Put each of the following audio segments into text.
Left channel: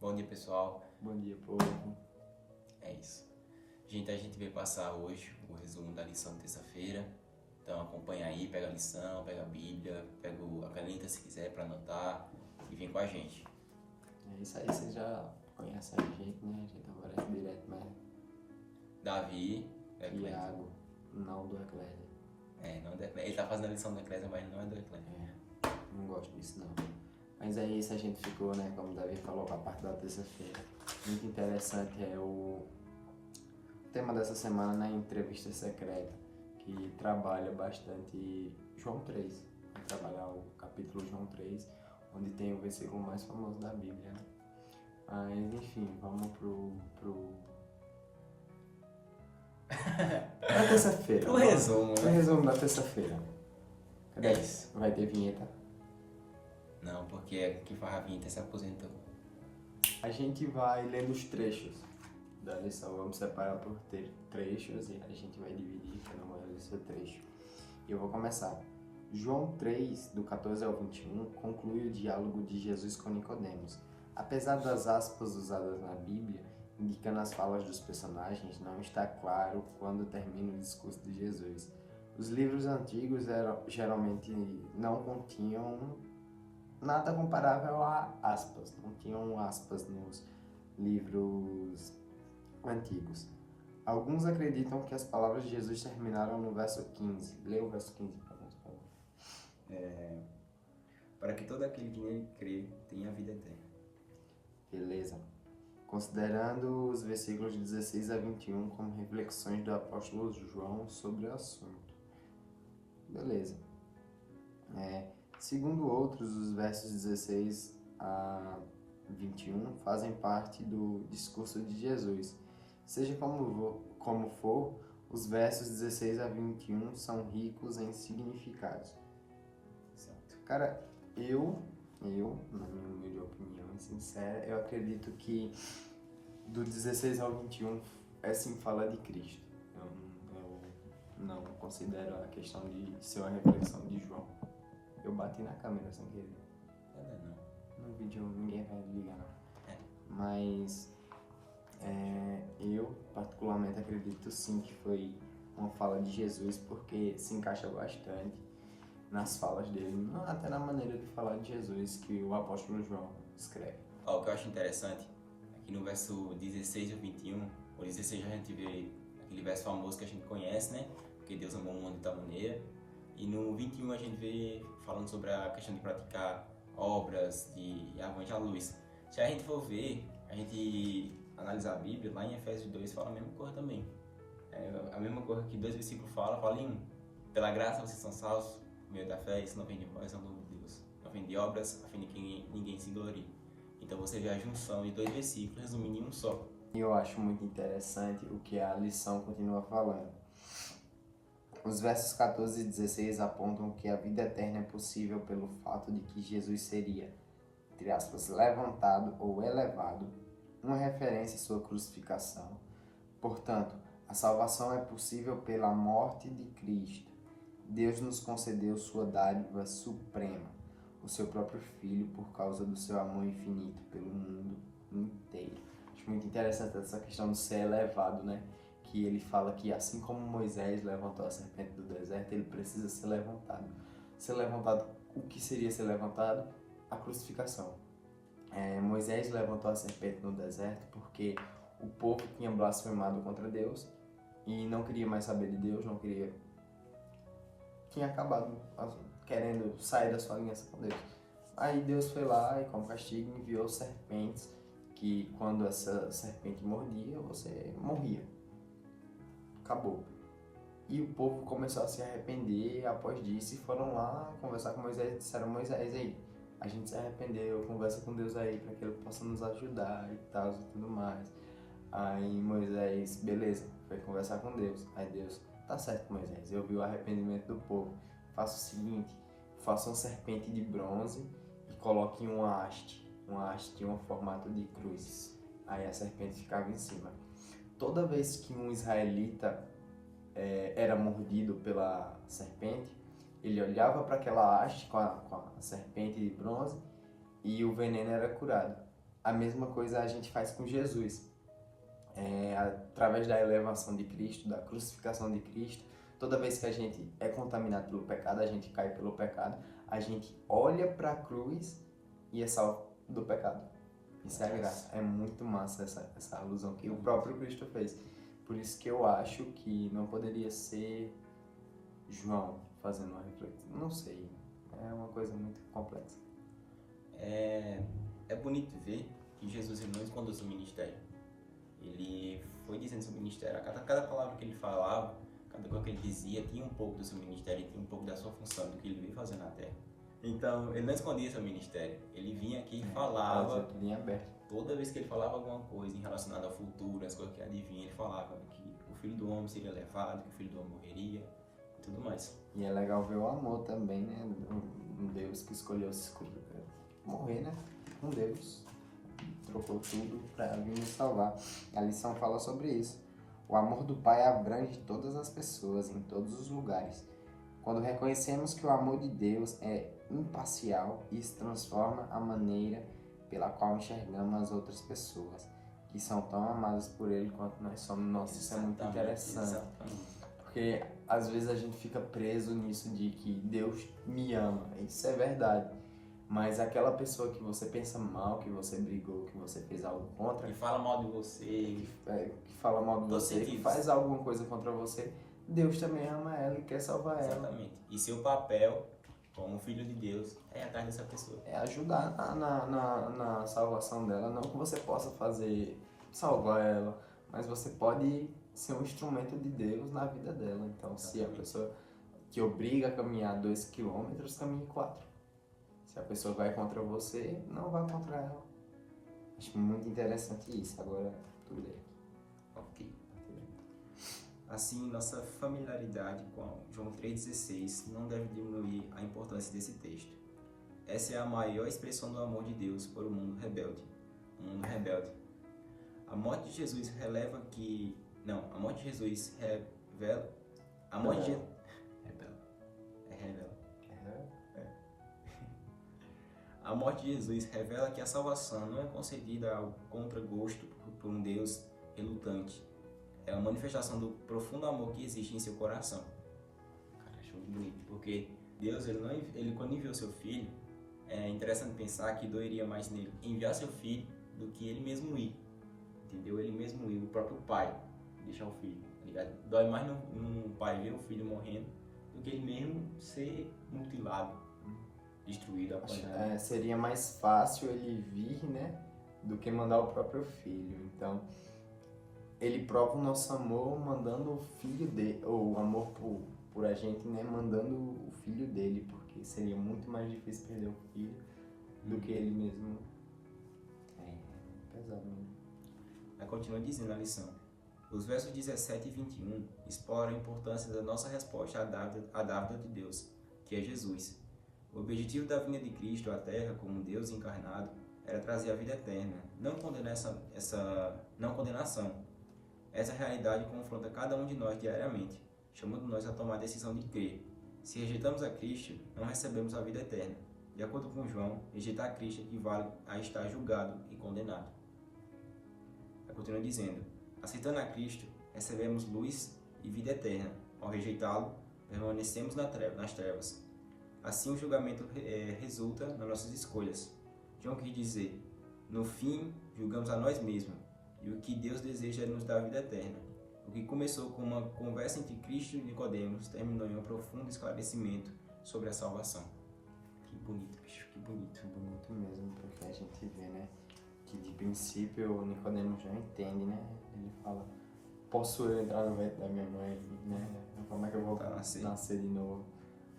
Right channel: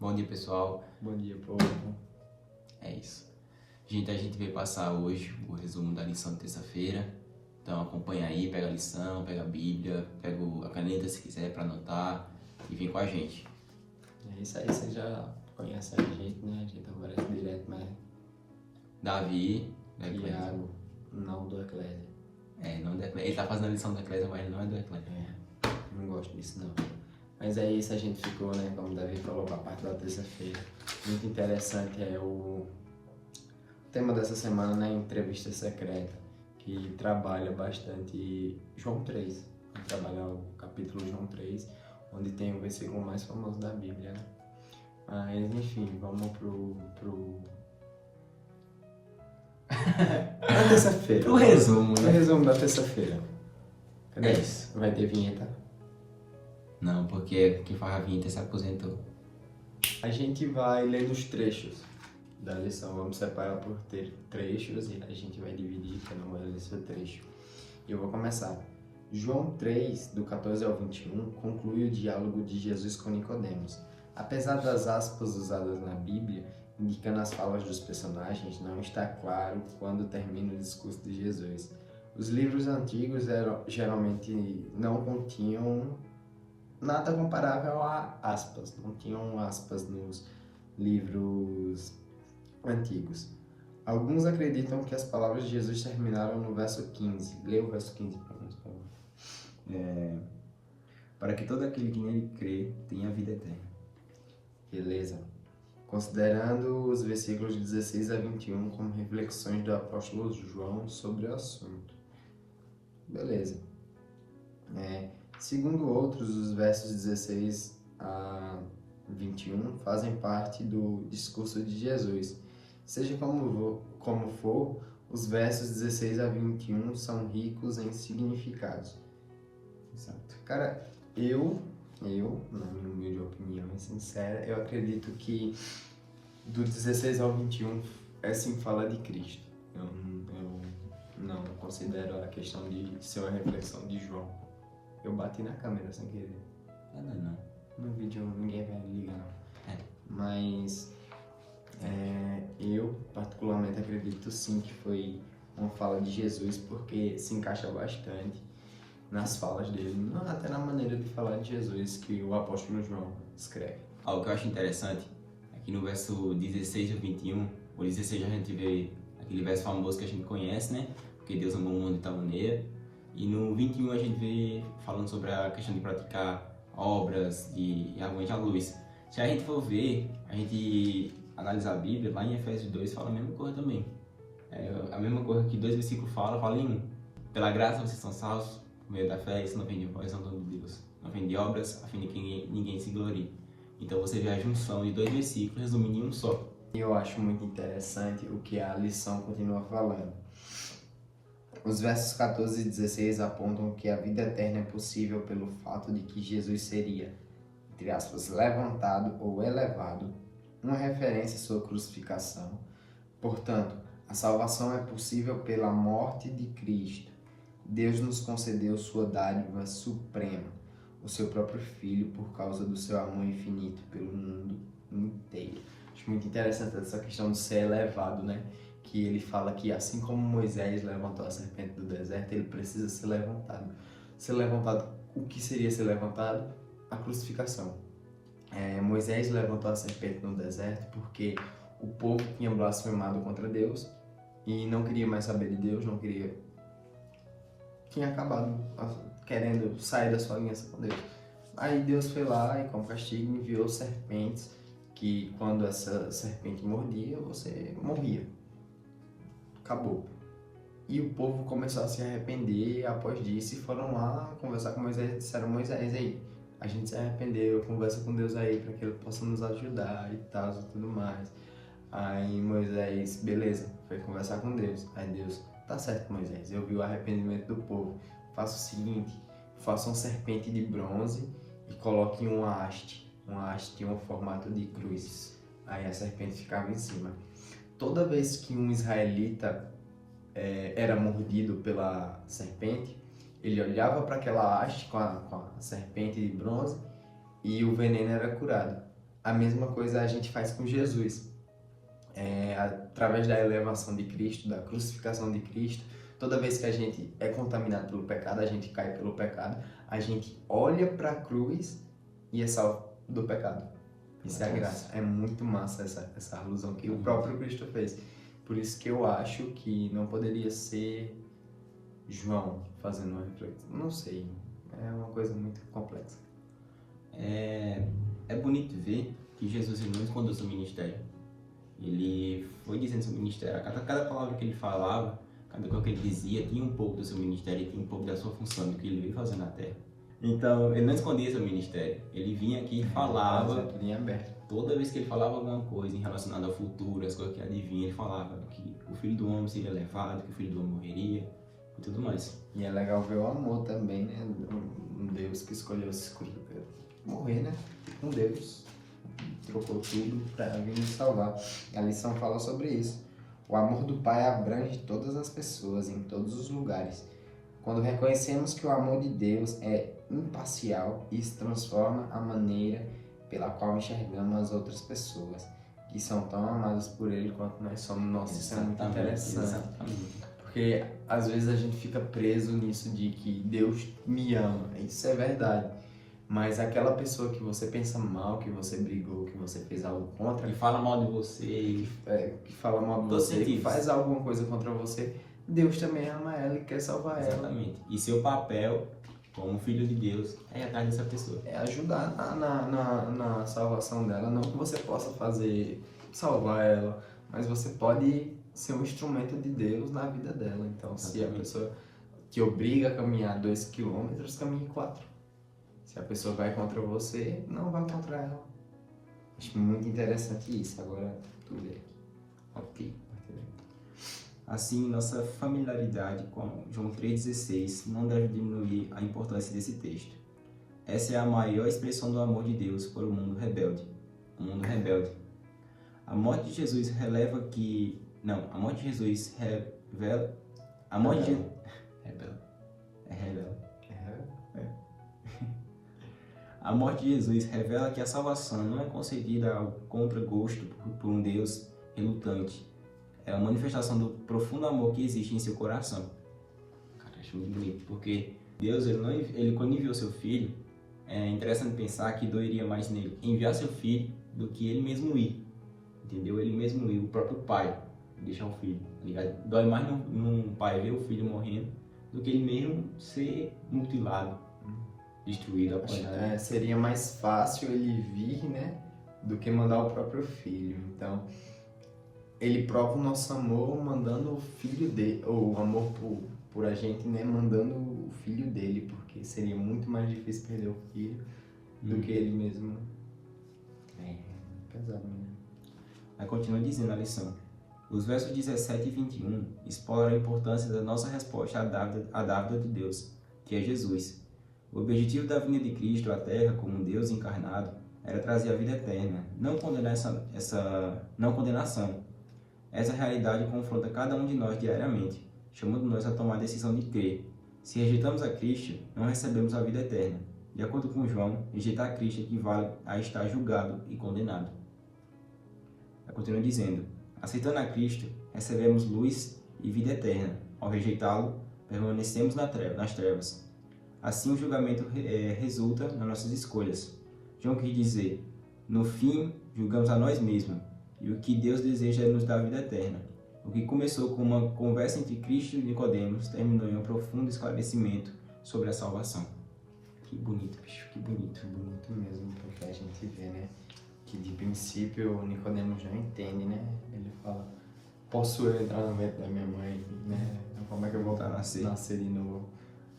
Bom dia, pessoal. Bom dia, povo. É isso. A gente veio passar hoje o resumo da lição de terça-feira. Então acompanha aí, pega a lição, pega a Bíblia, pega a caneta se quiser para anotar e vem com a gente. É isso aí, você já conhece a gente, né? A gente aparece direto, mas Davi, da Eclésia. Tiago, não do Eclésia. Não da Eclésia. Ele tá fazendo a lição da Eclésia, mas ele não é do Eclésia. Não gosto disso, não. Mas é isso, a gente ficou, né? Como o Davi falou, para a parte da terça-feira. Muito interessante é o tema dessa semana, né? Entrevista secreta, que trabalha bastante João 3. Vai trabalhar o capítulo João 3, onde tem o versículo mais famoso da Bíblia, né? Mas, enfim, vamos na terça-feira. Pro resumo, O né? resumo da terça-feira. Cadê? É isso. Vai ter vinheta? Não, porque quem faz a vinheta se aposentou. A gente vai lendo os trechos da lição. Vamos separar por trechos e a gente vai dividir, cada um vai ler seu trecho. E eu vou começar. João 3, do 14 ao 21, conclui o diálogo de Jesus com Nicodemos. Apesar das aspas usadas na Bíblia, indicando as falas dos personagens, não está claro quando termina o discurso de Jesus. Os livros antigos geralmente não continham nada comparável a aspas, não tinham aspas nos livros antigos. Alguns acreditam que as palavras de Jesus terminaram no verso 15. Lê o verso 15 para nós, por favor. Para que todo aquele que nele crê tenha vida eterna. Beleza. Considerando os versículos 16 a 21 como reflexões do apóstolo João sobre o assunto. Beleza. Segundo outros, os versos 16 a 21 fazem parte do discurso de Jesus. Seja como for, os versos 16 a 21 são ricos em significados. Exato. Cara, eu, na minha humilde opinião e sincera, eu acredito que do 16 ao 21 é sim fala de Cristo. Eu não considero a questão de ser uma reflexão de João. Eu bati na câmera sem querer. Não. No vídeo ninguém vai ligar, não. Mas eu particularmente acredito sim que foi uma fala de Jesus, porque se encaixa bastante nas falas dele, até na maneira de falar de Jesus que o apóstolo João escreve. O que eu acho interessante é que no verso 16 e 21, o 16 a gente vê aquele verso famoso que a gente conhece, né? Porque Deus amou o mundo de tal maneira. E no 21 a gente vê falando sobre a questão de praticar obras e aguente a luz. Se a gente for ver, a gente analisar a Bíblia, lá em Efésios 2 fala a mesma coisa também. A mesma coisa que 2 versículos fala em 1. Pela graça vocês são salvos por meio da fé, isso não vem de vós, é um dom de Deus. Não vem de obras, a fim de que ninguém se glorie. Então você vê a junção de 2 versículos resumindo em um só. Eu acho muito interessante o que a lição continua falando. Os versos 14 e 16 apontam que a vida eterna é possível pelo fato de que Jesus seria, entre aspas, levantado ou elevado, uma referência à sua crucificação. Portanto, a salvação é possível pela morte de Cristo. Deus nos concedeu sua dádiva suprema, o seu próprio Filho, por causa do seu amor infinito pelo mundo inteiro. Acho muito interessante essa questão de ser elevado, né? Que ele fala que assim como Moisés levantou a serpente do deserto, ele precisa ser levantado. Ser levantado, o que seria ser levantado? A crucificação. Moisés levantou a serpente no deserto porque o povo tinha blasfemado contra Deus e não queria mais saber de Deus, tinha acabado querendo sair da sua aliança com Deus. Aí Deus foi lá e, como castigo, enviou serpentes que, quando essa serpente mordia, você morria. Acabou. E o povo começou a se arrepender após disso e foram lá conversar com Moisés e disseram: Moisés, aí, a gente se arrependeu, conversa com Deus aí para que ele possa nos ajudar e tal e tudo mais. Aí Moisés, beleza, foi conversar com Deus. Aí Deus: tá certo, Moisés, eu vi o arrependimento do povo. Faça o seguinte, faça uma serpente de bronze e coloque uma haste. Uma haste tinha um formato de cruz. Aí a serpente ficava em cima. Toda vez que um israelita era mordido pela serpente, ele olhava para aquela haste com a serpente de bronze e o veneno era curado. a mesma coisa a gente faz com Jesus. Através da elevação de Cristo, da crucificação de Cristo, toda vez que a gente é contaminado pelo pecado, a gente cai pelo pecado, a gente olha para a cruz e é salvo do pecado. Isso é a graça. É muito massa essa alusão que o próprio Cristo fez. Por isso que eu acho que não poderia ser João fazendo uma reflexão. Não sei. É uma coisa muito complexa. É bonito ver que Jesus ele não escondeu seu ministério. Ele foi dizendo seu ministério. Cada palavra que ele falava, cada coisa que ele dizia, tinha um pouco do seu ministério e tinha um pouco da sua função, do que ele veio fazer na Terra. Então, ele não escondia seu ministério. Ele vinha aqui e falava. Tudo em aberto. Toda vez que ele falava alguma coisa em relacionada ao futuro, as coisas que adivinha, ele falava que o Filho do Homem seria levado, que o Filho do Homem morreria e tudo mais. E é legal ver o amor também, né? Um Deus que escolheu se morrer, né? Um Deus trocou tudo para vir nos salvar. A lição fala sobre isso. O amor do Pai abrange todas as pessoas, em todos os lugares. Quando reconhecemos que o amor de Deus é imparcial, isso transforma a maneira pela qual enxergamos as outras pessoas, que são tão amadas por Ele quanto nós somos. Nossa, isso é muito interessante. Exatamente. Porque às vezes a gente fica preso nisso de que Deus me ama. Isso é verdade. Mas aquela pessoa que você pensa mal, que você brigou, que você fez algo contra, Que fala mal de você. que fala mal de você, que faz alguma coisa contra você, Deus também ama ela e quer salvar ela. Exatamente. E seu papel, como filho de Deus, é ir atrás dessa pessoa. É ajudar na salvação dela. Não que você possa salvar ela, mas você pode ser um instrumento de Deus na vida dela. Então, se a pessoa te obriga a caminhar 2 quilômetros, caminhe 4. Se a pessoa vai contra você, não vá contra ela. Acho muito interessante isso. Agora, tu lê aqui. Ok. Assim, nossa familiaridade com João 3,16 não deve diminuir a importância desse texto. Essa é a maior expressão do amor de Deus por um mundo rebelde. A morte de Jesus revela que... Não, a morte de Jesus revela... A morte de... Revela. A morte de Jesus revela que a salvação não é concedida ao contragosto por um Deus relutante. É a manifestação do profundo amor que existe em seu coração. Cara, acho muito bonito, porque Deus, ele quando enviou seu filho, é interessante pensar que doeria mais nele enviar seu filho do que ele mesmo ir. Entendeu? Ele mesmo ir, o próprio pai, deixar o filho. Tá ligado? Dói mais num pai ver o filho morrendo do que ele mesmo ser mutilado, destruído, apanhado. Seria mais fácil ele vir, né, do que mandar o próprio filho. Então, ele prova o nosso amor mandando o filho dele, ou o amor por a gente, né, mandando o filho dele, porque seria muito mais difícil perder o filho do que ele mesmo. Pesado mesmo. Aí continua dizendo a lição. Os versos 17 e 21 exploram a importância da nossa resposta à dávida de Deus, que é Jesus. O objetivo da vinda de Cristo à Terra como Deus encarnado era trazer a vida eterna, não condenação. Essa realidade confronta cada um de nós diariamente, chamando-nos a tomar a decisão de crer. Se rejeitamos a Cristo, não recebemos a vida eterna. De acordo com João, rejeitar Cristo equivale a estar julgado e condenado. Ela continua dizendo, aceitando a Cristo, recebemos luz e vida eterna. Ao rejeitá-lo, permanecemos nas trevas. Assim, o julgamento resulta nas nossas escolhas. João quis dizer, no fim, julgamos a nós mesmos, e o que Deus deseja é nos dar a vida eterna. O que começou com uma conversa entre Cristo e Nicodemos terminou em um profundo esclarecimento sobre a salvação. Que bonito, bicho, que bonito. Bonito mesmo, porque a gente vê, né, que de princípio o Nicodemos não entende, né? Ele fala, posso eu entrar no ventre da minha mãe, né? Como é que eu vou nascer de novo?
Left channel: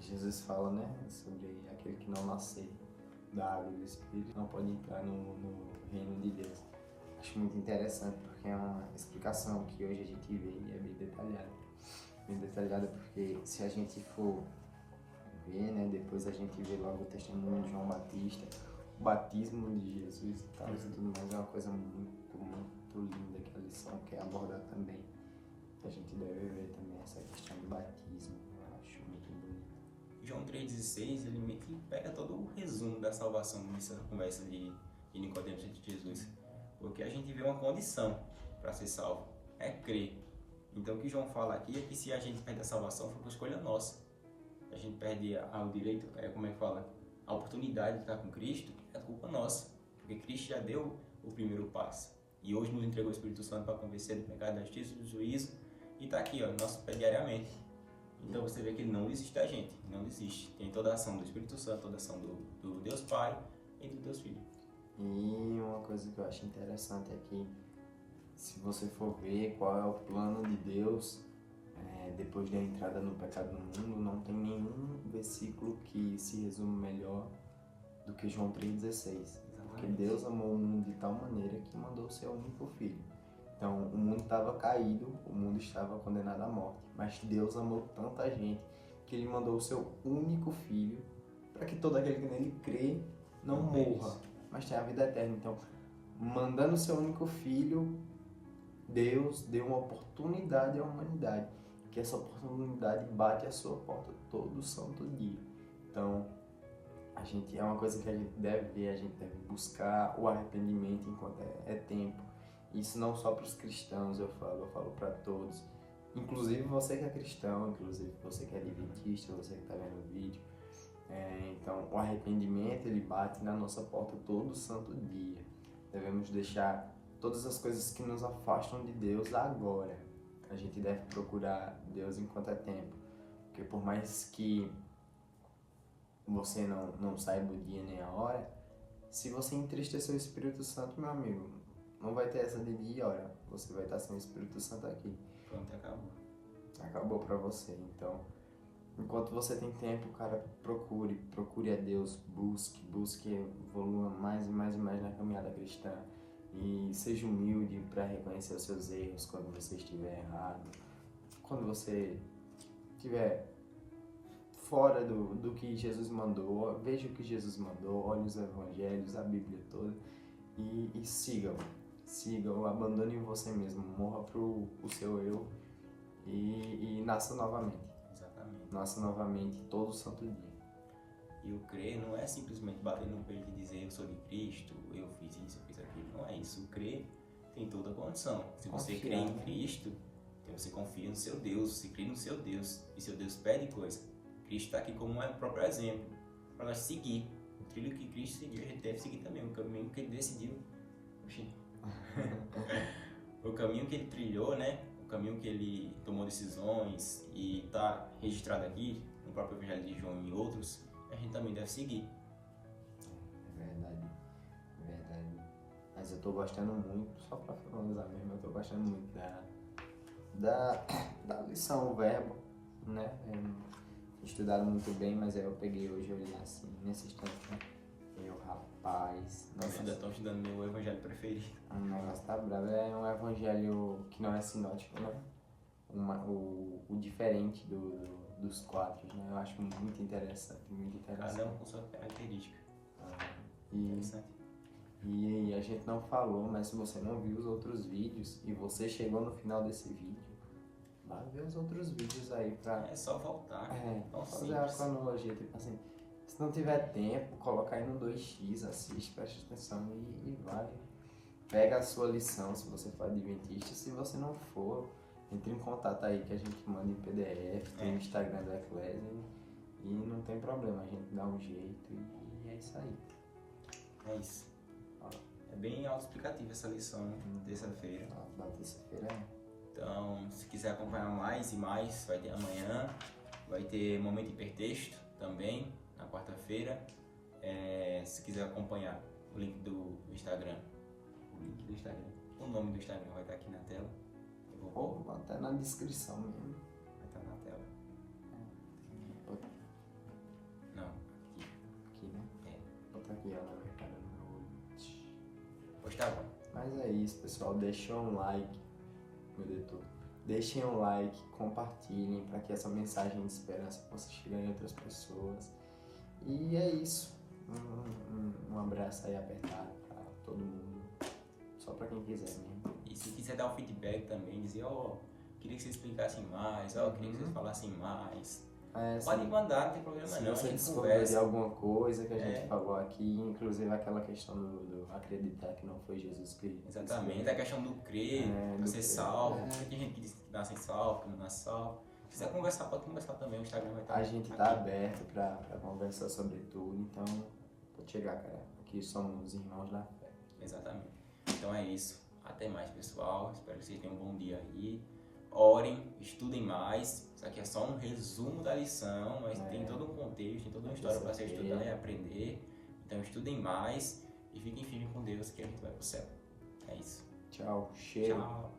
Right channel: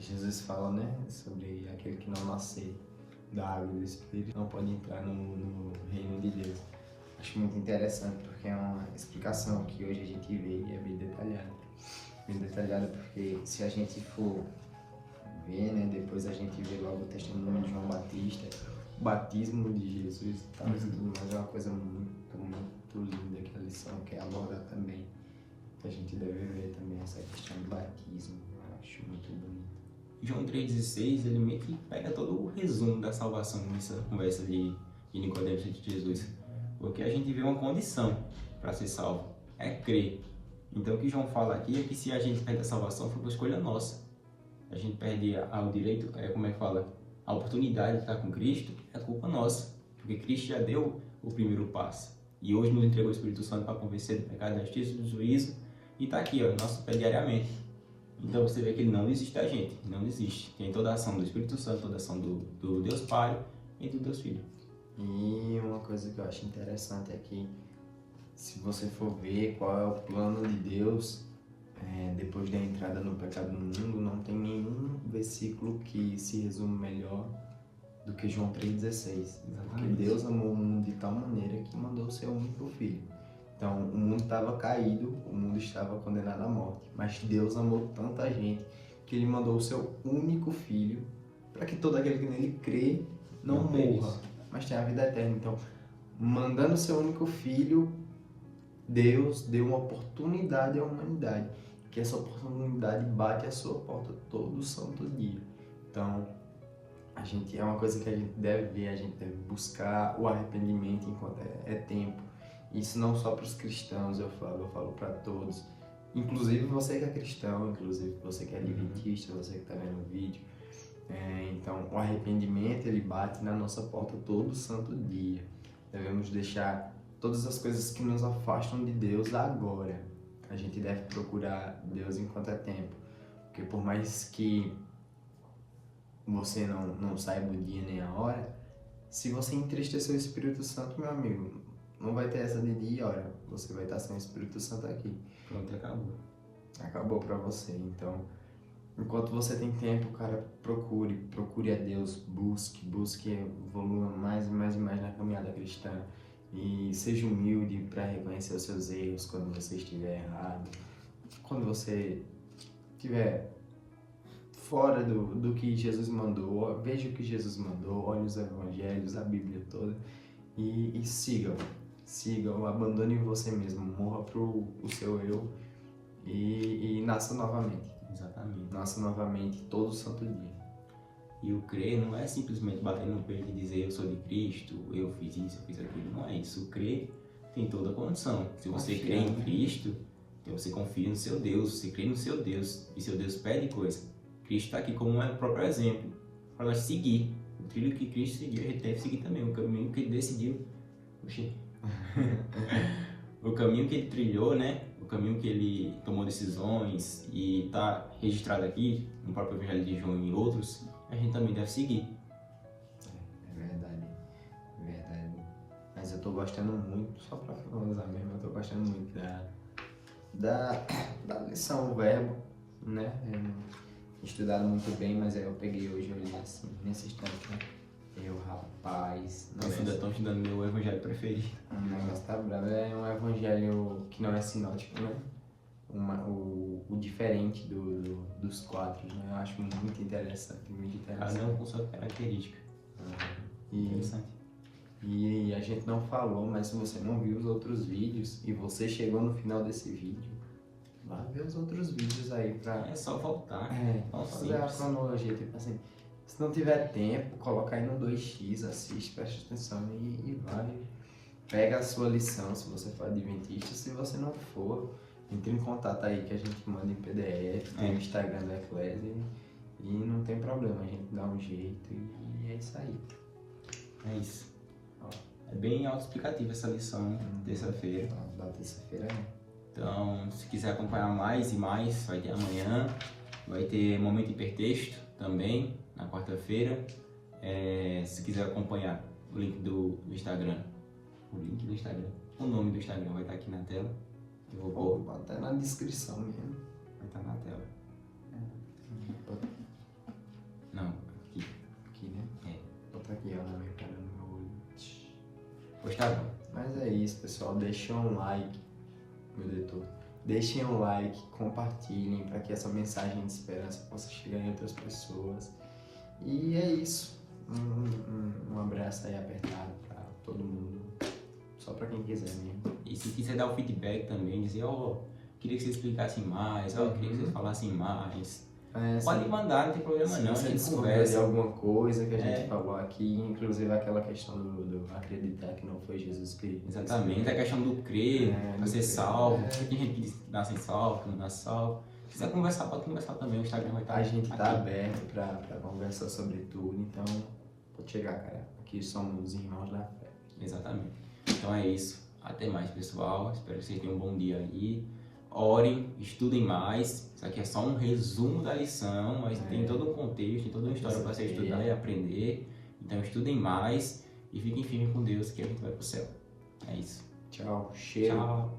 Jesus fala, né, sobre aquele que não nascer da água e do Espírito não pode entrar no reino de Deus. Acho muito interessante porque é uma explicação que hoje a gente vê e é bem detalhada. Bem detalhada porque se a gente for ver, né, depois a gente vê logo o testemunho de João Batista, o batismo de Jesus e tal, tudo mais, é uma coisa muito, muito linda que a lição quer abordar também. Que a gente deve ver também essa questão do batismo. Eu acho muito bonito. João 3,16, ele meio que pega todo o resumo da salvação nessa conversa de e Nicodemos de Jesus? Porque a gente vê uma condição para ser salvo, é crer. Então o que João fala aqui é que se a gente perde a salvação foi por escolha nossa. A gente perde o direito, como é que fala? A oportunidade de estar com Cristo, é culpa nossa. Porque Cristo já deu o primeiro passo. E hoje nos entregou o Espírito Santo para convencer do pecado, da justiça e do juízo. E está aqui, ó, no nosso pé diariamente. Então você vê que ele não desiste da gente, não desiste. Tem toda a ação do Espírito Santo, toda a ação do Deus Pai e do Deus Filho. E uma coisa que eu acho interessante é que, se você for ver qual é o plano de Deus, depois da entrada no pecado no mundo, não tem nenhum versículo que se resume melhor do que João 3,16. Porque Deus amou o mundo de tal maneira que mandou o seu único filho. Então, o mundo estava caído, o mundo estava condenado à morte. Mas Deus amou tanta gente que Ele mandou o seu único filho para que todo aquele que nele crê não morra, mas tenha a vida eterna. Então, mandando o seu único filho, Deus deu uma oportunidade à humanidade, que essa oportunidade bate à sua porta todo santo dia. Então, é uma coisa que a gente deve ver, a gente deve buscar o arrependimento enquanto é tempo. Isso não só para os cristãos, eu falo para todos. Inclusive você que é cristão, inclusive você que é adventista, você que está vendo o vídeo. Então, o arrependimento, ele bate na nossa porta todo santo dia. Devemos deixar todas as coisas que nos afastam de Deus agora. A gente deve procurar Deus enquanto é tempo. Porque por mais que você não saiba o dia nem a hora, se você entristecer o Espírito Santo, meu amigo, não vai ter essa de dia e hora. Você vai estar sem o Espírito Santo aqui. Pronto, acabou. Acabou pra você. Então, enquanto você tem tempo, cara, procure a Deus, busque, evolua mais e mais e mais na caminhada cristã. E seja humilde para reconhecer os seus erros quando você estiver errado. Quando você estiver fora do que Jesus mandou, veja o que Jesus mandou, olhe os evangelhos, a Bíblia toda e sigam, abandone você mesmo, morra pro seu eu e nasça novamente. Exatamente. Nasça novamente todo santo dia. E o crer não é simplesmente bater no peito e dizer eu sou de Cristo, eu fiz isso, eu fiz aquilo. Não é isso. O crer tem toda a condição. Se você crê em Cristo, então você confia no seu Deus, você crê no seu Deus e seu Deus pede coisa. Cristo está aqui como o próprio exemplo para nós seguir. O trilho que Cristo seguiu, a gente deve seguir também. O caminho que ele decidiu. O caminho que ele trilhou, né? O caminho que ele tomou decisões e está registrado aqui no próprio Evangelho de João e outros, a gente também deve seguir. É verdade. Mas eu tô gostando muito, só pra finalizar mesmo, eu tô gostando muito da lição, o verbo, né? Estudado muito bem, mas aí eu peguei hoje, eu li assim, nesse instante, né? Rapaz... Nossa, ainda estão estudando meu evangelho preferido. O negócio tá bravo. É um evangelho que não é sinótico, né? O diferente dos quatro, né? Eu acho muito interessante, Cada um com sua característica. Interessante. E a gente não falou, mas se você não viu os outros vídeos e você chegou no final desse vídeo, vai ver os outros vídeos aí pra... É só voltar. Fazer a cronologia, tipo assim, se não tiver tempo, coloca aí no 2x, assiste, preste atenção e vai. Pega a sua lição, se você for adventista, se você não for, entre em contato aí que a gente manda em PDF, tem o Instagram da Eclésia e não tem problema, a gente dá um jeito e é isso aí. É isso. É bem autoexplicativa essa lição, terça-feira. Da terça-feira é. Então, se quiser acompanhar mais e mais, vai ter amanhã, vai ter momento hipertexto também, na quarta-feira. Se quiser acompanhar o link do Instagram, o nome do Instagram vai estar aqui na tela. Eu vou pôr até na descrição mesmo. Vai estar na tela. Não, aqui. Aqui, né? Botar aqui, ó, na minha cara, no meu olho. Pois tá bom. Mas é isso, pessoal. Deixem um like, meu editor. Deixem um like, compartilhem para que essa mensagem de esperança possa chegar em outras pessoas. E é isso. Um abraço aí apertado para todo mundo. Só para quem quiser mesmo. E se quiser dar o feedback também, dizer, queria que vocês explicassem mais, queria que vocês falassem mais. Pode mandar, não tem problema se não, a você gente discordar de conversa. alguma coisa que a gente É. falou aqui, inclusive aquela questão do acreditar que não foi Jesus que Exatamente, a questão do crer, do pra ser crer. salvo, porque tem gente que nasce salvo, que não nasce salvo. Se quiser conversar, pode conversar também, o Instagram vai estar A gente tá aqui. aberto pra conversar sobre tudo, então pode chegar, cara. Aqui somos irmãos da fé. Exatamente. Então é isso. Até mais, pessoal. Espero que vocês tenham um bom dia aí. Orem, estudem mais. Isso aqui é só um resumo da lição, mas tem todo um contexto, tem toda uma história para você estudar e aprender. Então estudem mais e fiquem firmes com Deus que a gente vai pro céu. É isso. Tchau, cheiro. Tchau.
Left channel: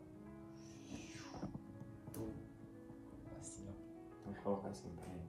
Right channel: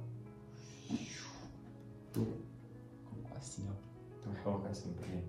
Assim, ó. Então, coloca assim, peraí.